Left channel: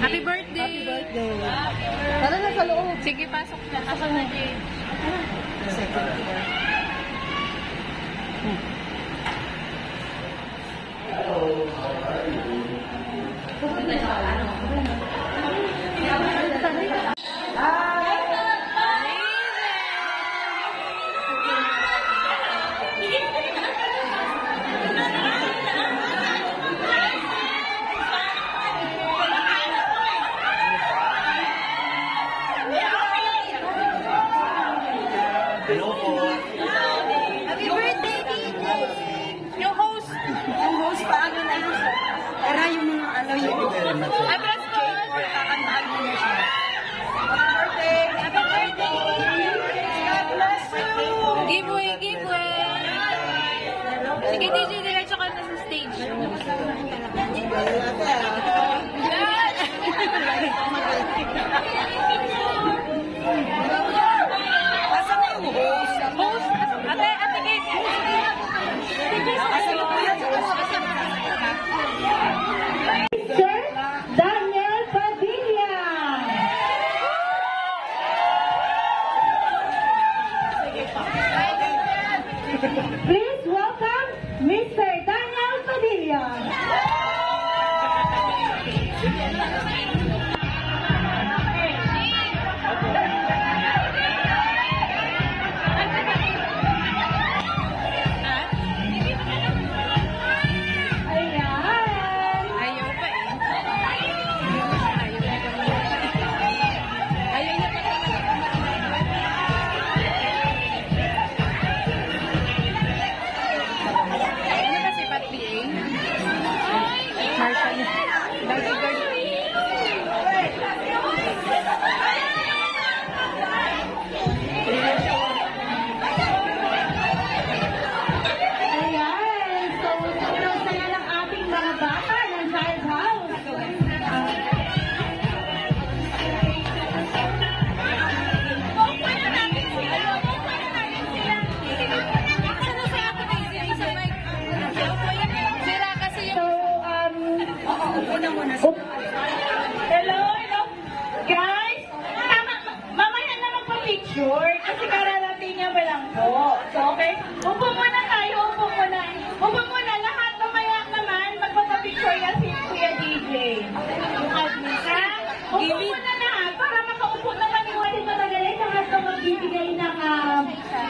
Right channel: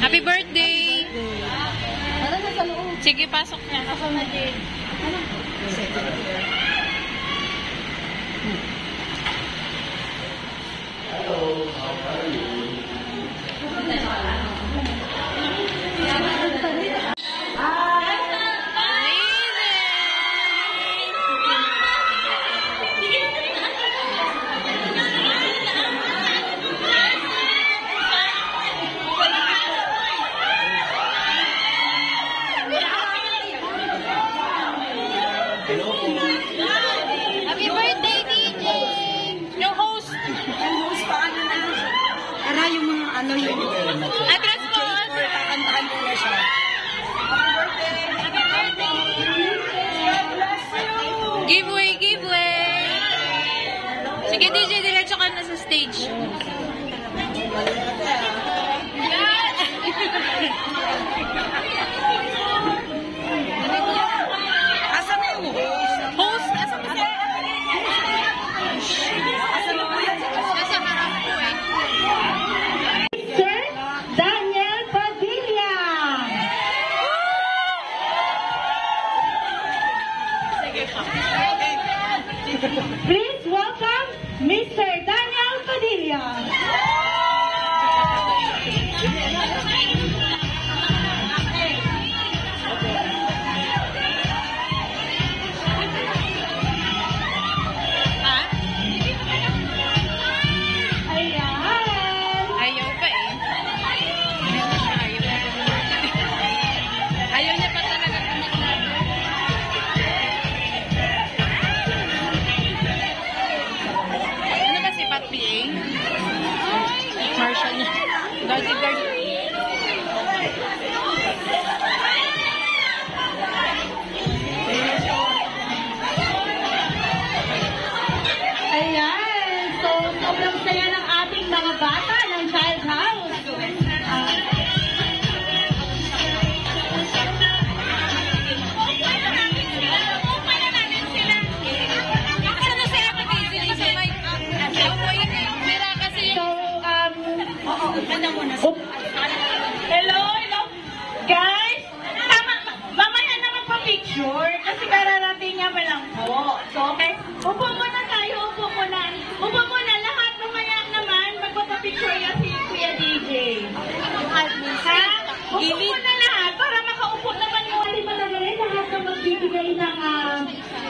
Happy birthday! Tara na sa loob. Sige, pasok na. Pasok na. Hello, how are you? Hello po. Happy birthday, DJ! Yung host. Yung host pa, ano na? Para yung, ano yung... Thank you very much. Address po. Kakantaan ko na siya. Happy birthday! Giveaway, giveaway! Sige, DJ, diretso ka na sa stage. Asa na yung host? Host? Asa ba siya? Asa na po yan? Nasa harap po eh. Sir Daniel Padilla. Please welcome Mr. Daniel Padilla. Ha? Ayan. Ayaw pa eh. Hindi na siya ayaw. Ayaw niya pa talaga kumasabi. Ano ba si Pat PA? Marshall niya. Bodyguard. Ayan. So, sobrang saya ng ating mga bata ng Child House. Sana si Ate Casey sa mic. Sira kasi So, hello, hello. Guys, mamaya na magpa-picture kasi kararating niya pa lang po. So, okay? Upo muna tayo, upo muna. Upo muna lahat, mamaya naman magpapapicture yan si Kuya DJ. Yung admin, ha? Upo muna lahat para makaupo naman yung ating matagalit. Lahat na magbibigay ng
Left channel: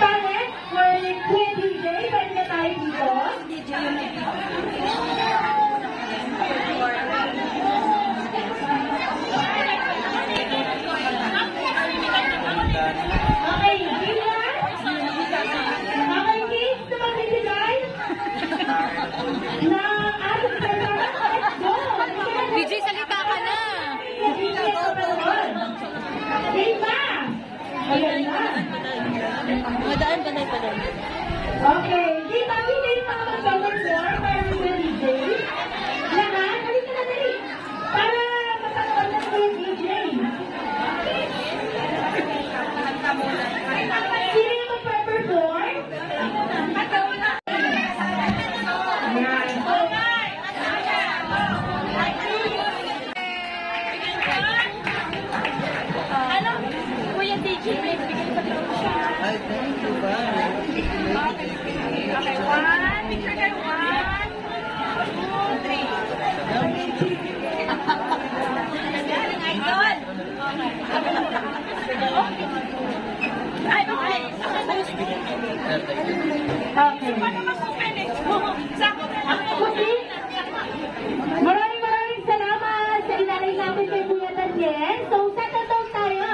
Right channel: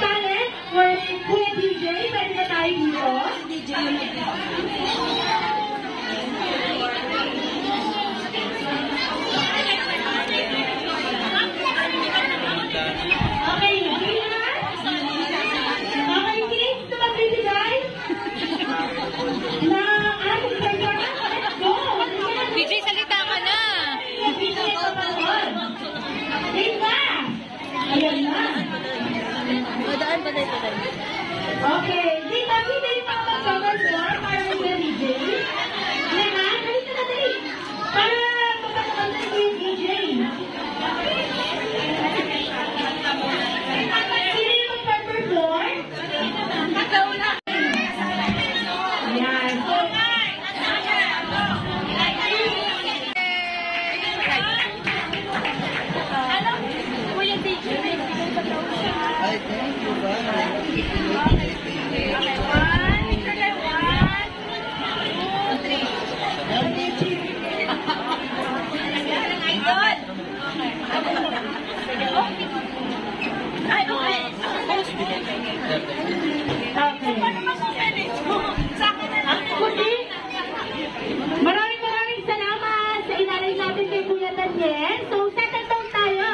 talent for Kuya DJ. Pwede na tayo dito. Okay, Gina? Okay, kids, na magbibigay? Na ating programa? Let's go! DJ, salita ka na. Bibigay ko pa doon. Diba? Ayan na. Madaan pa na ito. Okay, Gina, bibigay pa ako ng comment more for the DJ. Lahat, halika na dali. Para mapagpunta ko yung DJ. Sino yung magpa-perform? Yan. Kuya DJ, Ay, thank you ba? Maraming salamat sa inalay natin kay Kuya Daniel. So, settle down tayo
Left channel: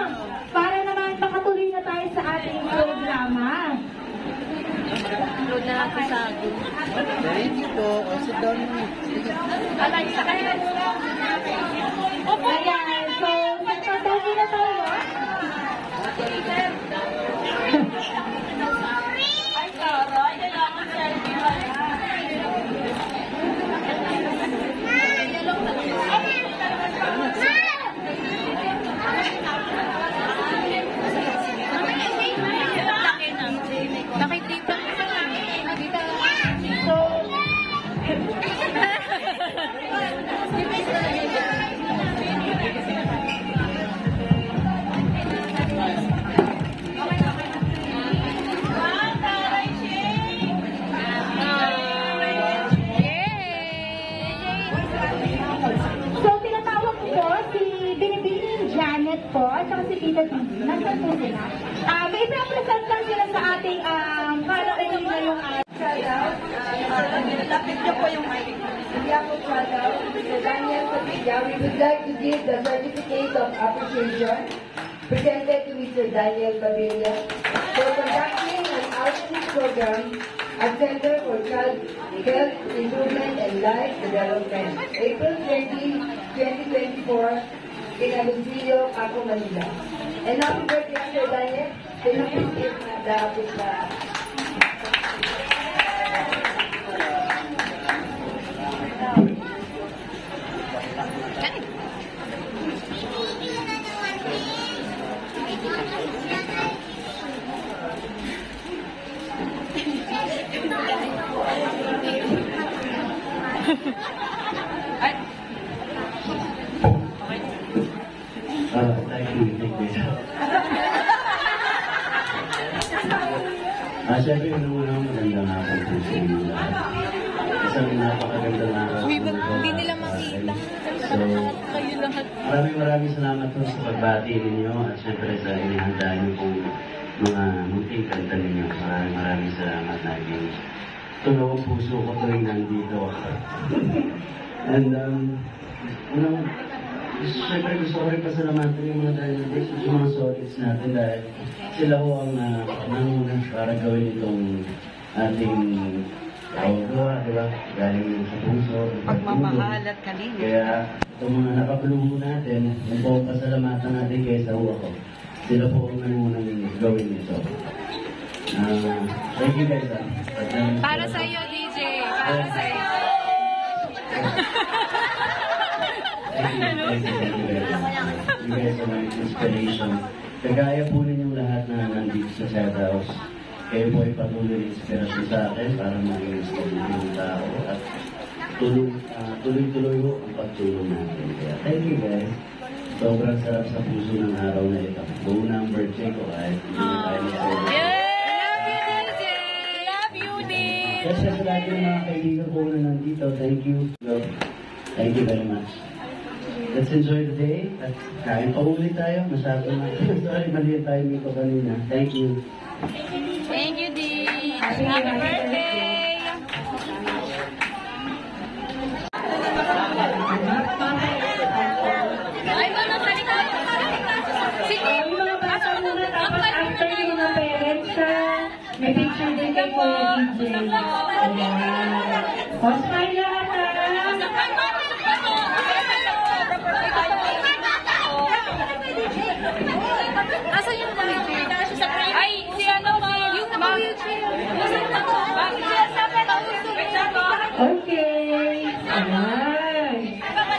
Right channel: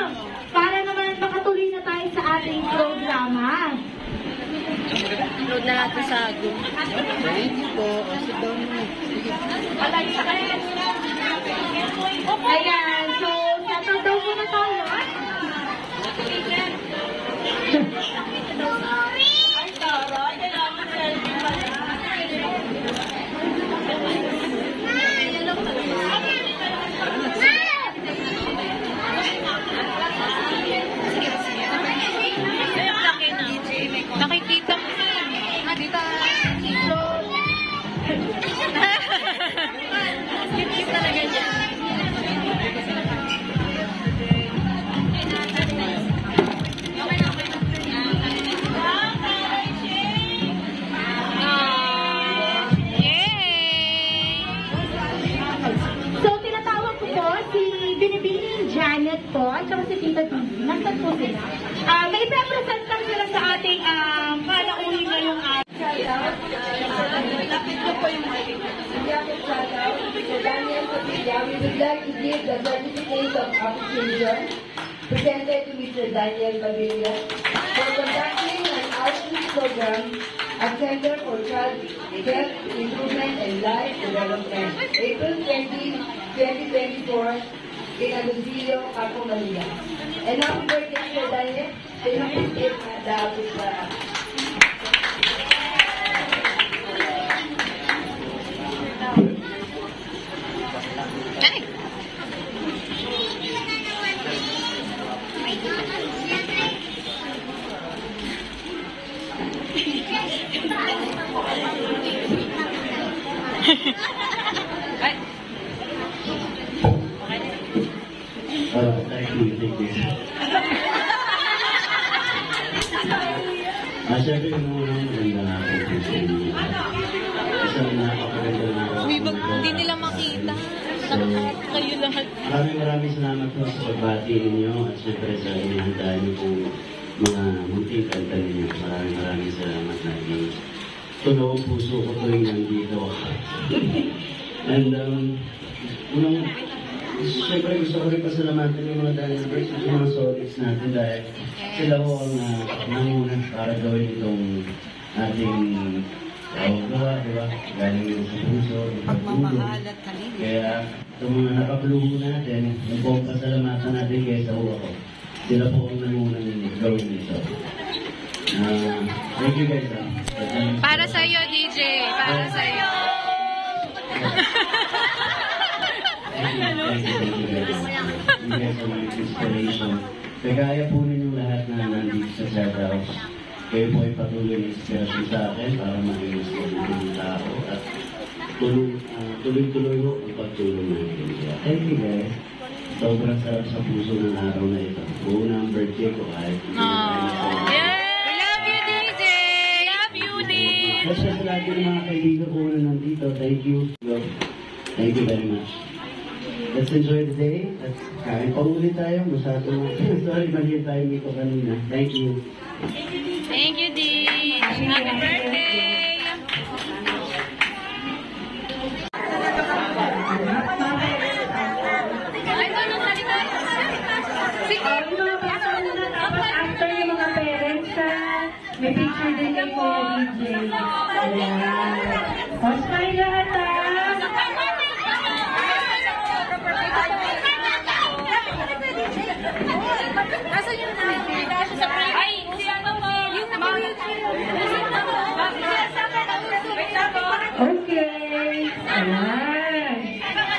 para naman makatuloy na tayo sa ating programa. Thank you po. Sit down. Ayan, so, settle down na tayo. Ay, taray, kailangan selfie pala. Nakikita mo sa dito. So, po, at saka si Tita Titi. Nasaan po sila? May isang present lang sila sa ating para uwi na yung Lapit na po yung Diablo Shoutout. So Daniel Padilla, we would like to give the certificate of appreciation presented to Mr. Daniel Padilla for conducting an outreach program at Center for Child Health Improvement and Life Development, April 20, 2024, in Alusilio, Apo, Manila. And happy birthday, Mr. Daniel. Can you please take the office? Siyempre yung muna maganda nga ako po sa inyo lahat. Isang napakaganda na ako. Uy, hindi nila makita. Kayo lahat. Maraming salamat po sa pagbati ninyo at siyempre sa inihanda niyo kong mga munting kanta ninyo. Maraming salamat na yung tunaw ang puso ko tuwing nandito. And siyempre gusto ko rin pasalamatan yung mga Danielbers at yung mga solids natin dahil sila ho ang nanguna para gawin itong ating gawa, di ba? Galing yung sa puso, Pagmamahal at kalinga. kaya itong mga nakapulubo natin, yung po ang pasalamatan natin kaysa ho ako. Sila po ang nanguna gawin ito. Thank you guys. Para sa'yo, DJ. Para sa'yo. Thank you guys. You guys are my inspiration. Kagaya po ninyong lahat na nandito sa Shadowhouse. Kayo po ay patuloy na inspirasyon sa akin para maging gusto ng tao at tuloy-tuloy ho ang pagtulong natin. Kaya thank you guys. Sobrang sarap sa puso ng araw na ito. Buo na ang birthday ko kahit hindi na tayo na Love you, DJ. Love you, din. Kasi sa lahat ng mga kaibigan ko na nandito, thank you. Thank you very much. Let's enjoy the day. At kain pa ulit tayo. Masyado na. Sorry, mali tayo dito kanina. Thank you. Thank you, din. Happy birthday. Sige. After yung mga parents, may picture din kay Kuya DJ. Ayan. O, smile lahat Nasaan yung naka-wheelchair? Ay, si ano mo? Yung naka-wheelchair. Okay. Ayan.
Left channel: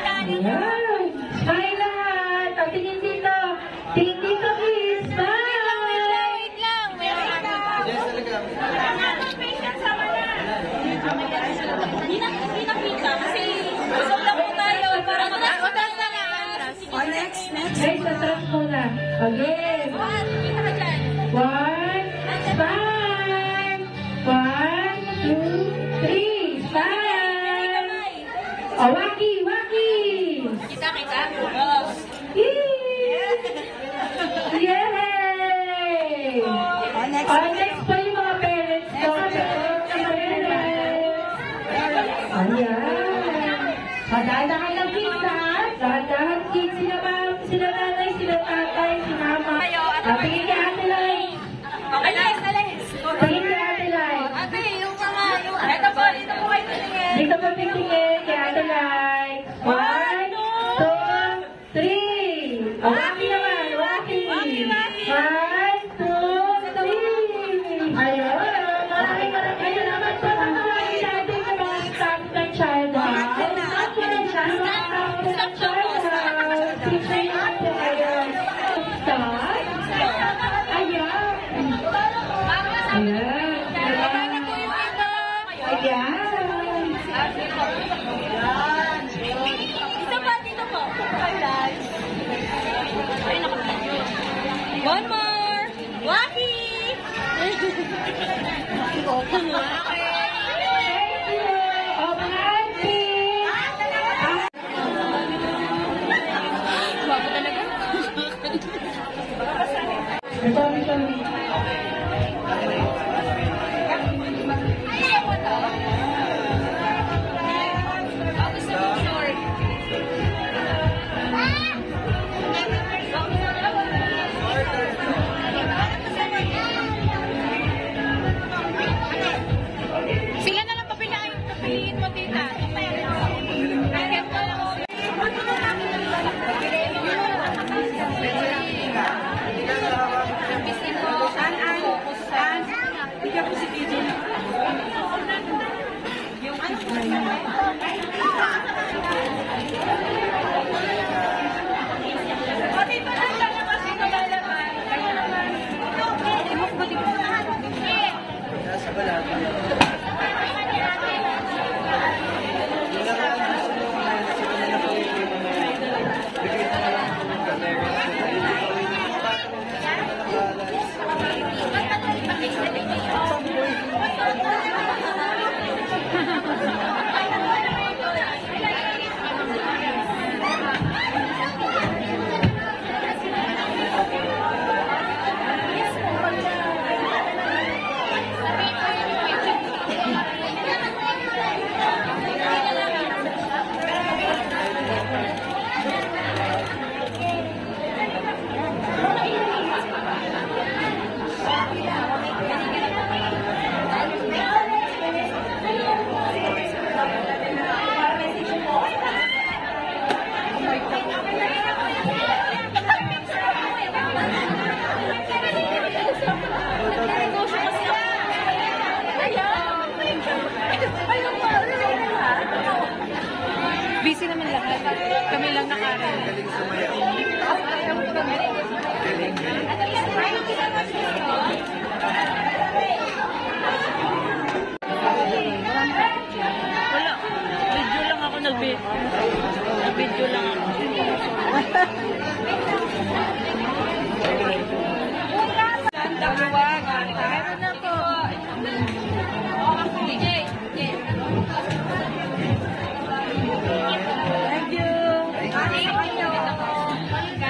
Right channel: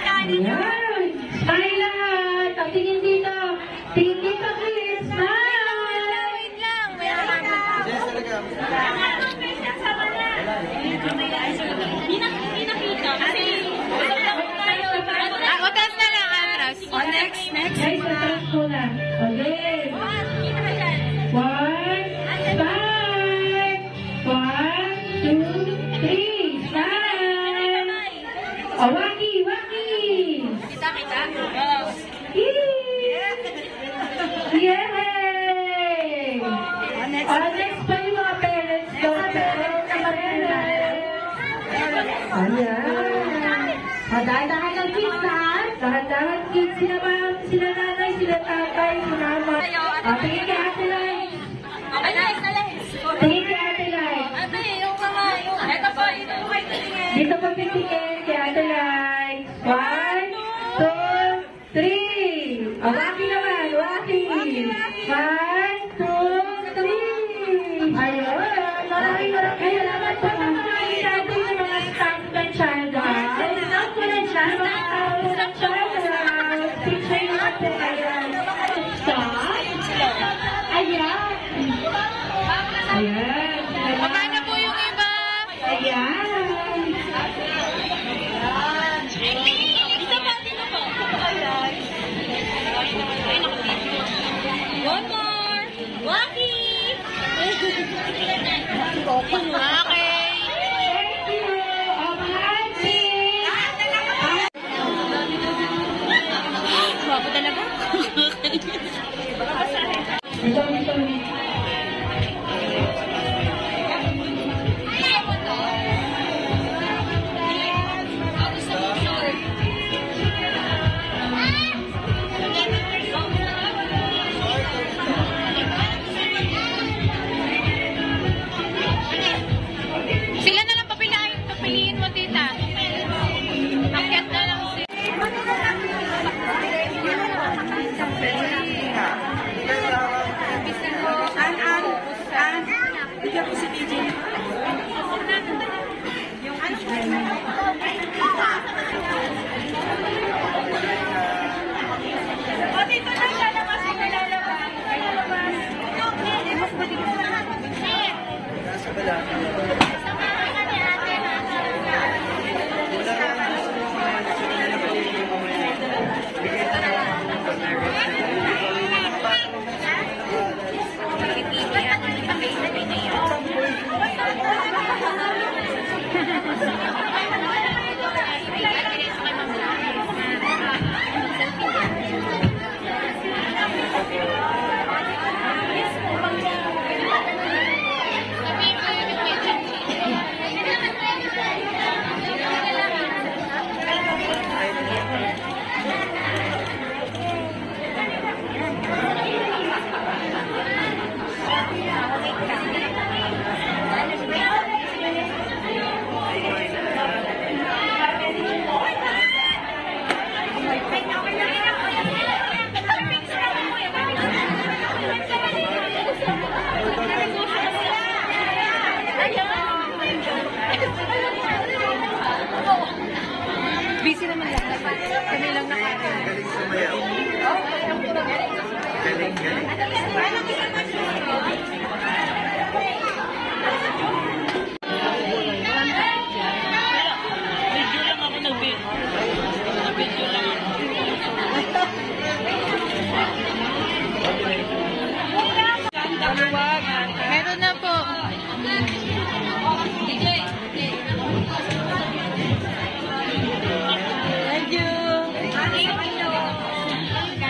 Ayan. Smile lahat. O, tingin dito. Tingin dito, please. Smile. Wait lang. May Atras na lang, atras. Oh, next. Guys, atras muna. Okay. One. Smile. 1, 2, 3. Smile. O, waki. Kita. Yay! Next. Next pa yung mga parents ko. Ayan. Dahan-dahan ng kids, ha? Dahan-dahan kids. Sila nanay, sila tatay, si mama. Tingin ka, Ate Lai. Okay, Alex. Tingin ka, Ate Lai. Ate, yung kamayo. Ito po, ito po kayo titingin. Dito pa titingin kay Ate Lai. 1, 2, 3. O, waki naman, waki. 1, 2, 3. Ayun, maraming salamat po sa mga ating mga staff ng Shadowhouse. Picture natin, ayan. Ayan. Ayan. Baba na po yung iba. Ayan. Dito po. One more. Waki. Okay. Thank you. O, mga auntie. Sila na lang papiliin mo, tita. Akyat na lang sila. Nasa balata. Busy naman lahat. Kami lang nakarin. Video lang ako nag-video lang. Meron na po. Thank you.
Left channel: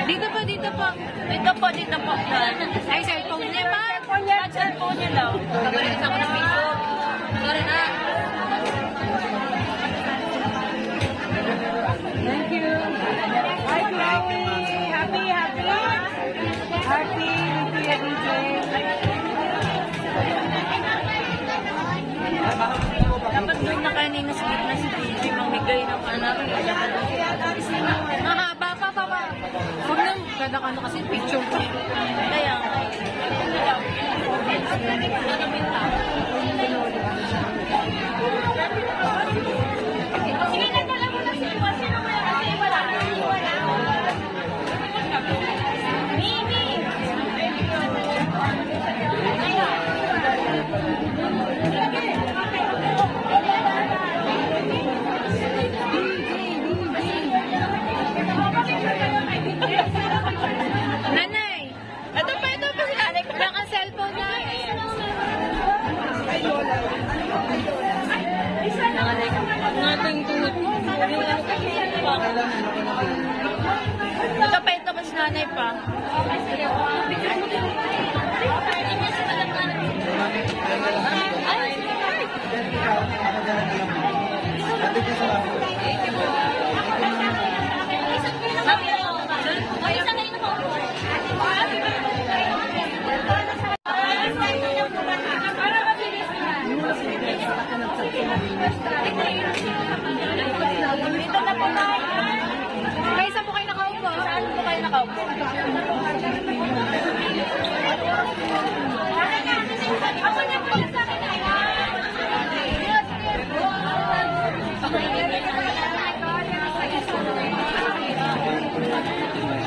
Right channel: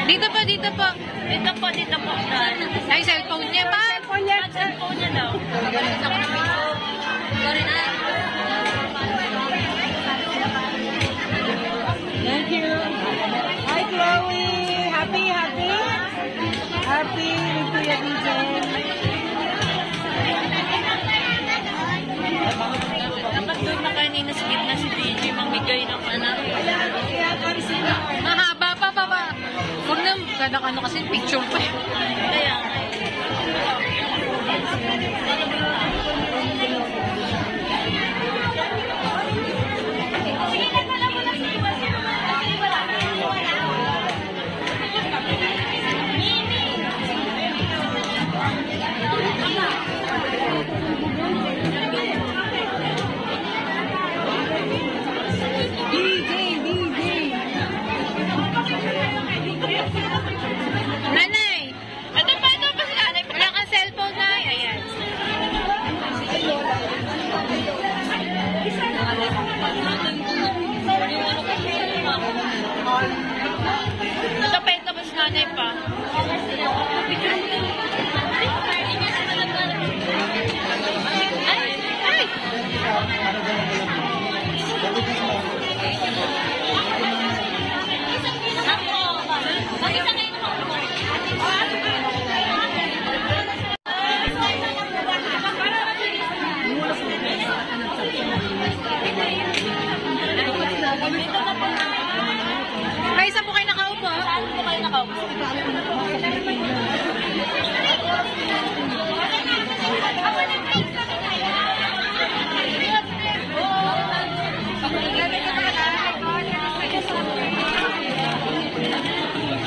Dito po, dito po. Dito po. Ay, cellphone niya pa. Cellphone niya daw. Thank you. Hi, Chloe. Happy Kapag doon na kayo ninaskip na si DJ, mamigay ng ano. Mahaba pa. Huwag na, kada ano kasi picture pa. Kaya, Nanay! Ito pa si nanay. Wala kang cellphone, Nay. Ayan. Nakapenta ba si nanay pa? May isa po kayo nakaupo. Saan po kayo nakaupo?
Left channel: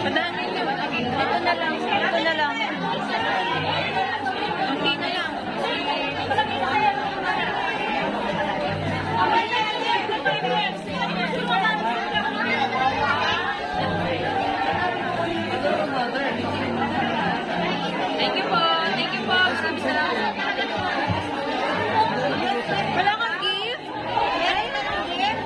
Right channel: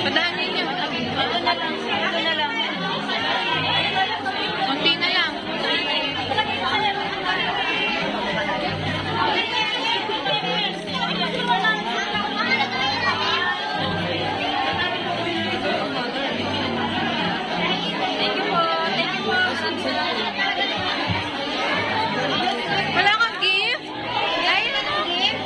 Padaanin niyo. Ito na lang. Kunti na lang. Wala kang gift? Ay, wala kang gift?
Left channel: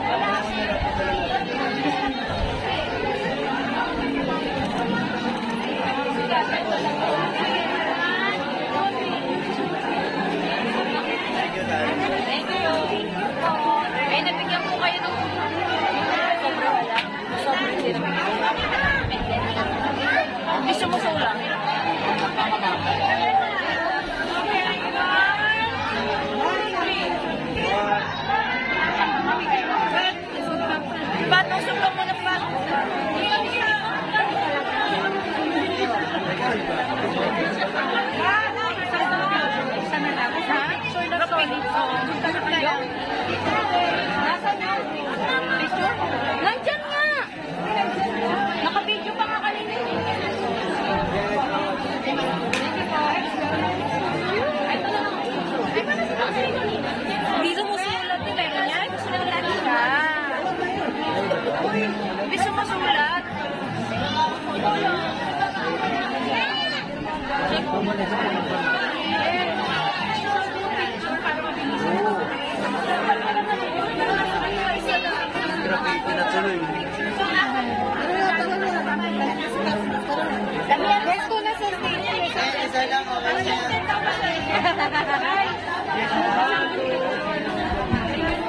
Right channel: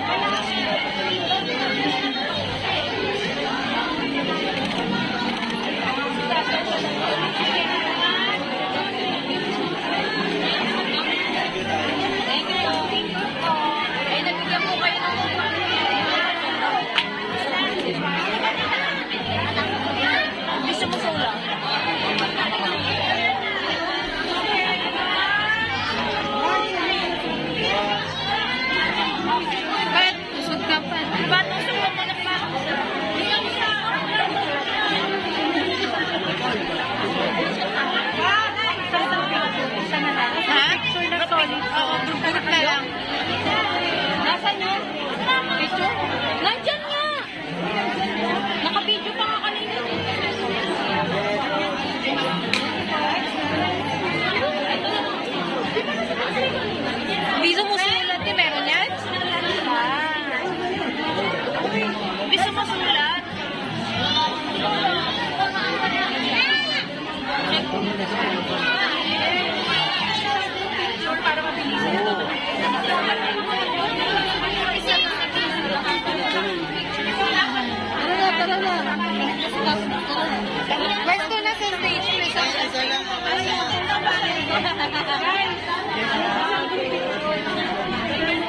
Pwesto na sa stage.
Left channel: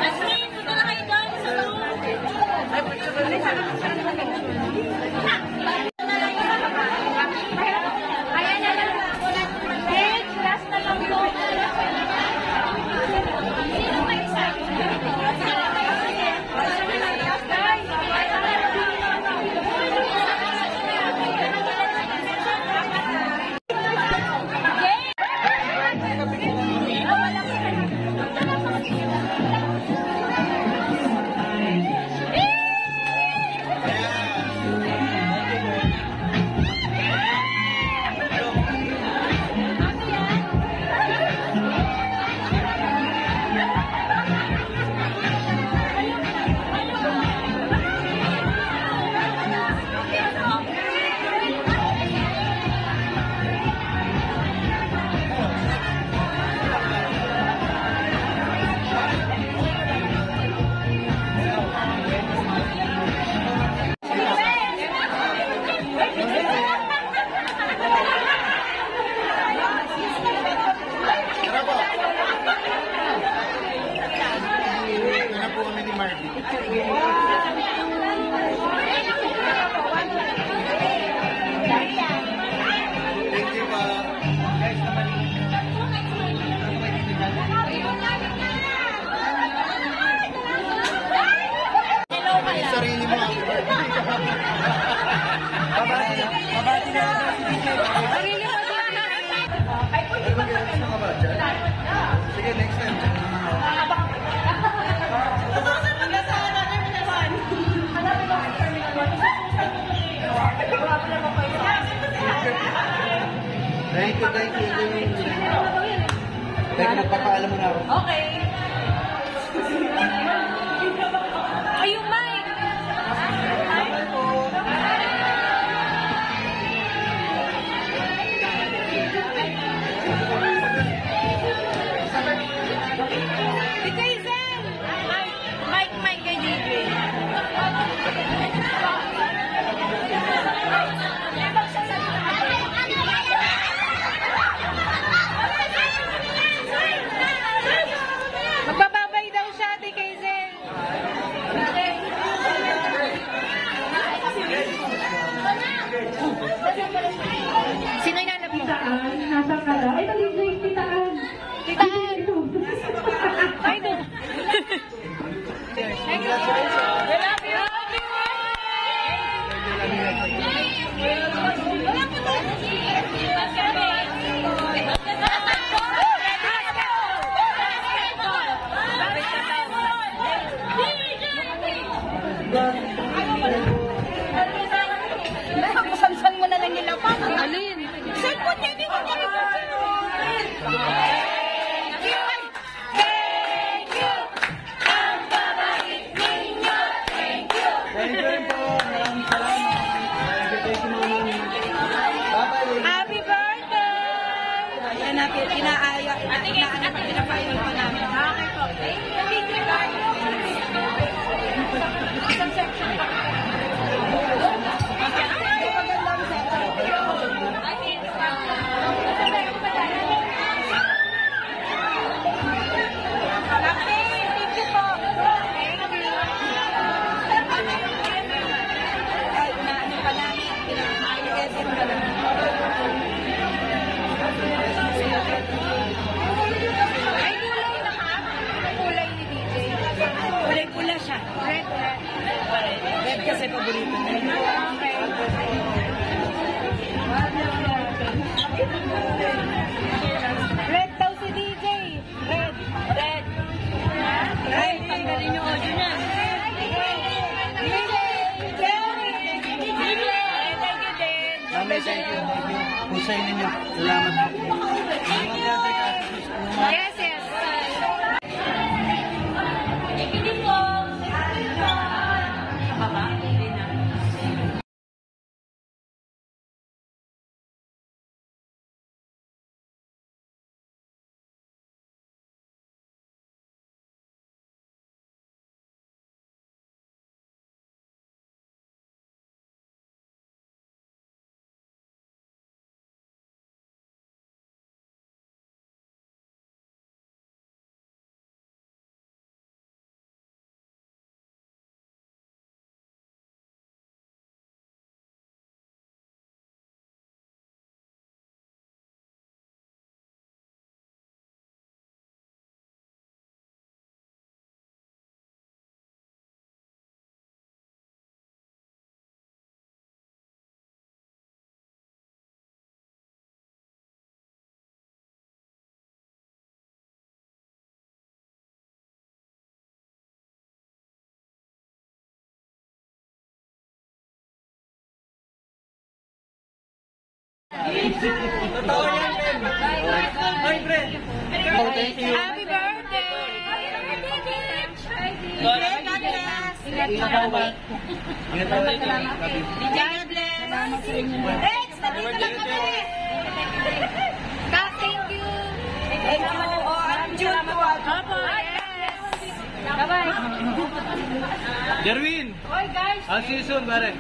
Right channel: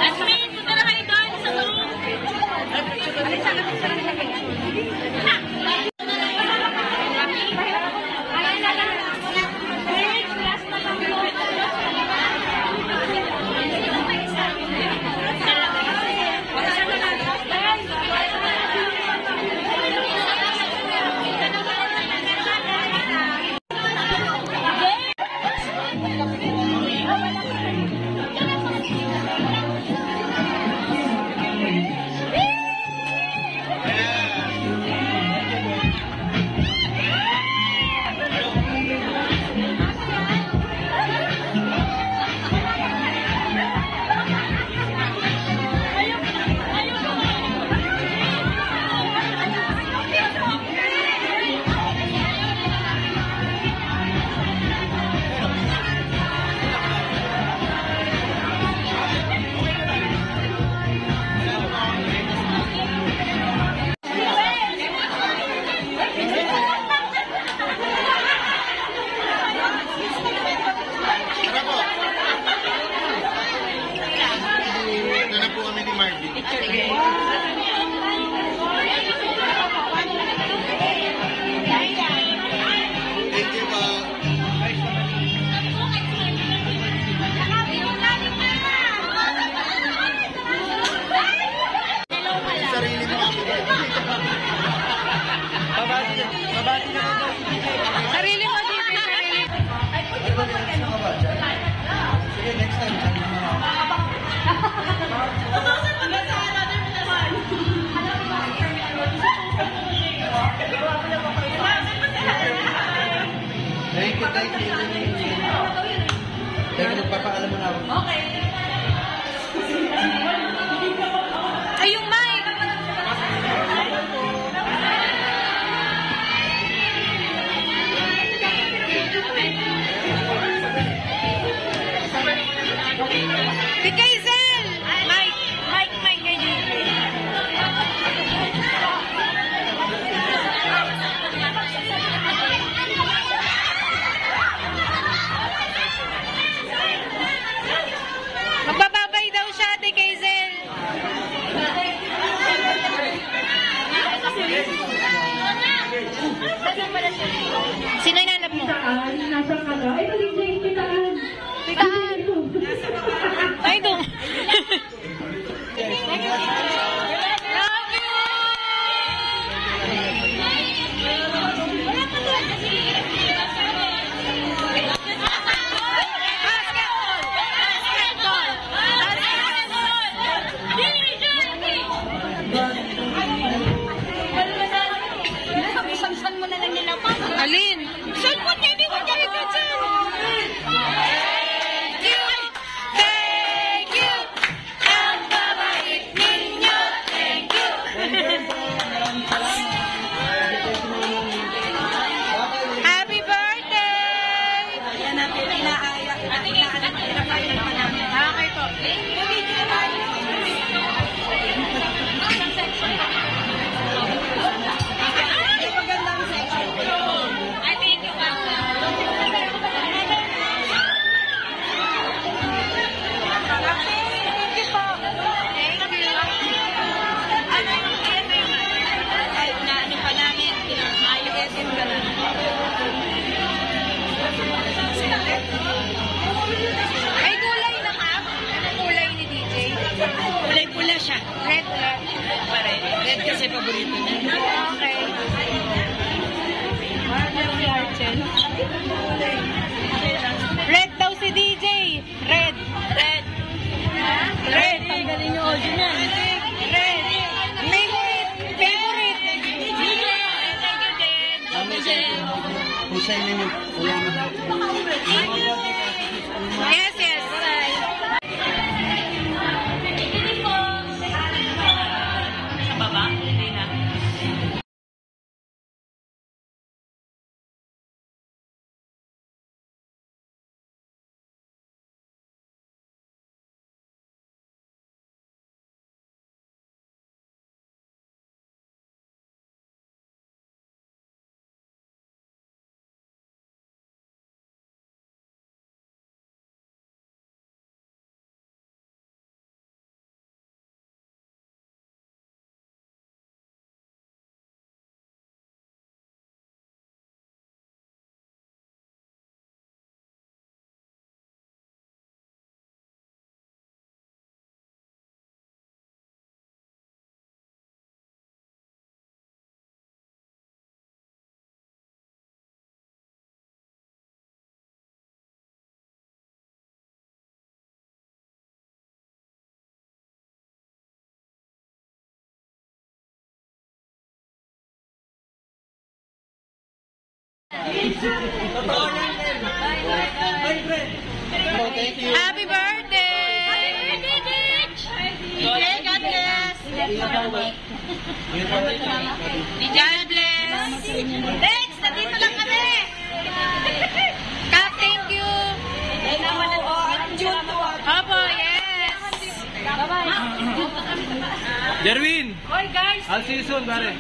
Jasmine, dito na kayo doon sa Sarili mo, DJ. Sige, next time. Diyan naman ako. Thank you. Teka, magpapaalam mo na ako. Ay, yung mic! Si Kaisel! Mic kay DJ. Magbababay daw siya, Ate Kaisel. Sino inanap mo? Nasa kala. Ay, DJ, titaan. Titaan. Ay, doon. Love you! Samsan mo na lang yun ako. Alin? Cellphone, hindi ko kahit na dyan. Thank you! Thank you! Ang babalik ninyo! Thank you! Thank you po. Maraming salamat. Thank you po si Mama. Bye-bye. Happy birthday! Yan natin, inaaya. Okay po. Isang section. Magandang section. I think you want Thank you po. Thank you. ay, naanin pa namin. Ayos-esin ka na. Ay, kulay na ka? Anong kulay ni DJ? Kulay-pula siya. Red. Red kasi paborito niya. Okay. Red daw si DJ. Red. Red. Red. Tanggalin yung audio niya. Red. Favorite. Favorite. Thank you din. Mami, thank you. Kung sa inyo, salamat po. Yes, yes. Totoo yan, Ben. Oy, Pre. Oh, thank you. Happy birthday! God bless! God bless! Next, nandito lang kami! Kap, thank you! Opo, yes! Bye-bye! Jerwin! Oy, guys! I'll see you soon, pare.